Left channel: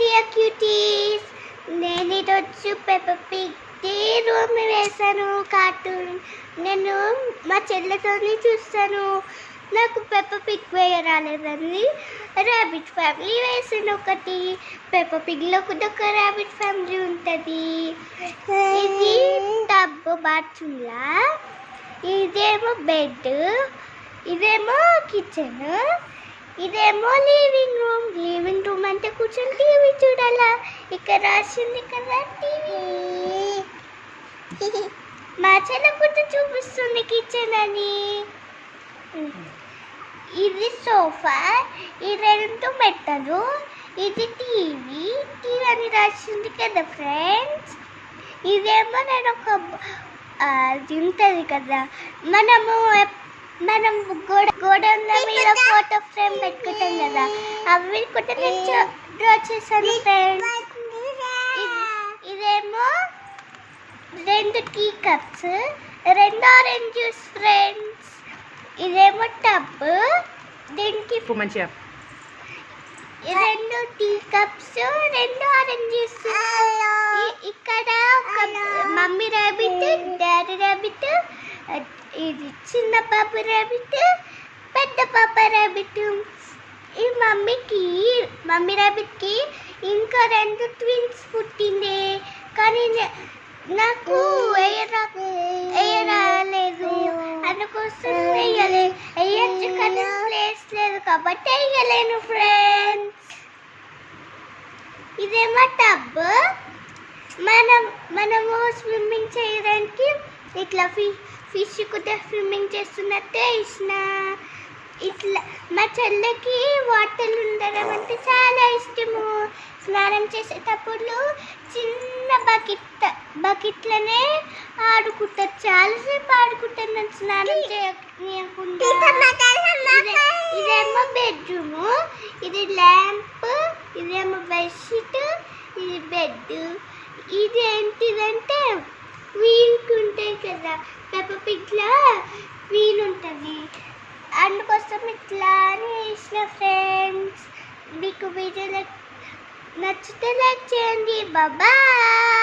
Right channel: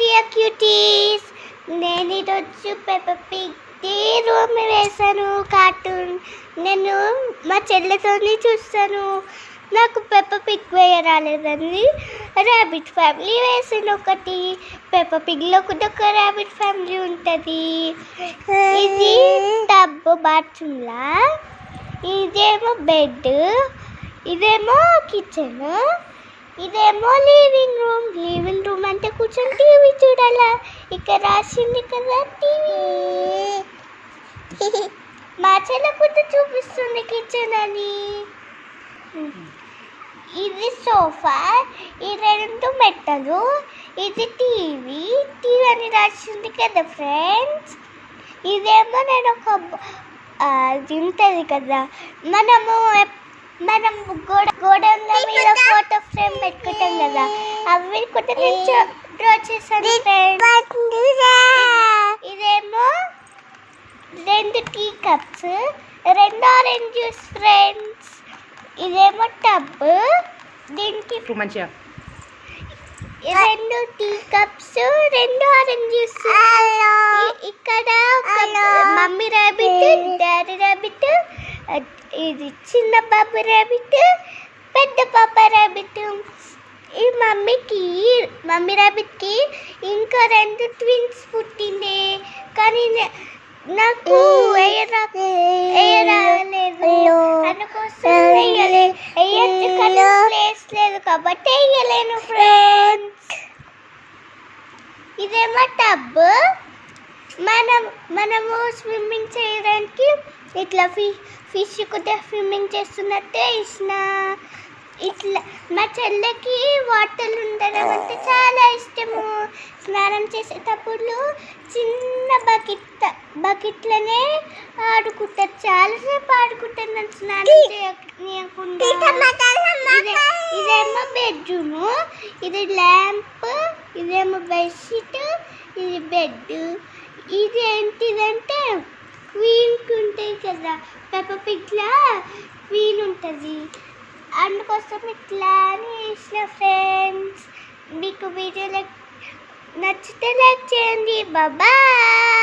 Dear cuties, నేను ఈరోజు Peppa Pig day room వేసాను కార్టూన్. నేను మా చెల్లెతోని చూస్తాను. నాకు పెప్ప పిగ్ వేయ రాలేదని ర్యాబిట్ ఫ్యామిలీ వేసాను ఒకటి. పెప్ప పిగ్లో కూడా ఒక ర్యాబిట్ ఫ్యామిలీ ఉంటుంది. ఇది టబ్ బాత్రూమ్లా, ఇదేమో బెడ్, ఇదేమో కిచెన్, ఇదేమో లివింగ్ రూమ్. లివింగ్ రూమ్ అంటే కూర్చొని టీవీ చూడాలా. ఇక్కడ రాసింది కదా టీవీ. మా చెల్ల కూడా చూపిస్తుంది కిచెన్ అని. ఇది సోఫా, ఈ రెండు మెట్టలు, ఇది టీవీ. టీవీ అని రాసింది కదా ఫ్రెండ్స్. ఇదేమో నేను ఒక అది ఉంటుంది కదా, మనం గోడల మీద ఫోటో ఫ్రేమ్ పెట్టుకుంటాం కదా, అవి కూడా నేను డ్రా చేశాను ఫ్రెండ్స్. ఇదేమో 2 tea cups, 2 orange juice friends. ఇదేమో టబ్, దీనికి మంచిగా 2 టీ కప్స్, 2 ఆరెంజ్ జ్యూస్. ఇక్కడ మమ్మీ ర్యాబిట్, డాడీ ర్యాబిట్, ఇది చిన్న పాప ర్యాబిట్, పెద్ద పాప ర్యాబిట్. ఈ మమ్మీ ర్యాబిట్కి ఇంకా 2 ట్విన్స్ పుట్టింది, కానీ నాకు వేయరాలేదు. అందుకోసం వేయచ్చు, కానీ ప్లేస్ లేదు కాబట్టి వేయలేను ఫ్రెండ్స్. ఇదేమో టబ్. మనము స్విమ్మింగ్ చేయడానికి ఇట్లా ఫిష్ కూడా స్విమ్మింగ్ చేస్తున్నట్టే ఇచ్చిన. ఇట్లా మా చెల్లెకి వాటర్ ఉండడం అంటే చాలా ఇష్టము. స్నానం చేసేటప్పుడు చిన్న బకెట్లనే ఆడుకుంటారు, చాలాసేపు ఆడుకుంటారు నన్ను స్నానం చేయకుండా. ఇదేమో బెడ్రూము, ఇది ల్యాంప్, ఇదేమో బెడ్షీట్, ఇది బెడ్. ఇది ఏంటిదంటే క్వీన్ ఉంటాయి కదా, పెప్ప పిగ్లా క్వీన్ ఉంటుంది. అందుకోసం ఇట్లా అని ఇచ్చిన ఫ్రెండ్స్. మీకు వీడియో నచ్చితే లైక్ చేయండి. బాయ్.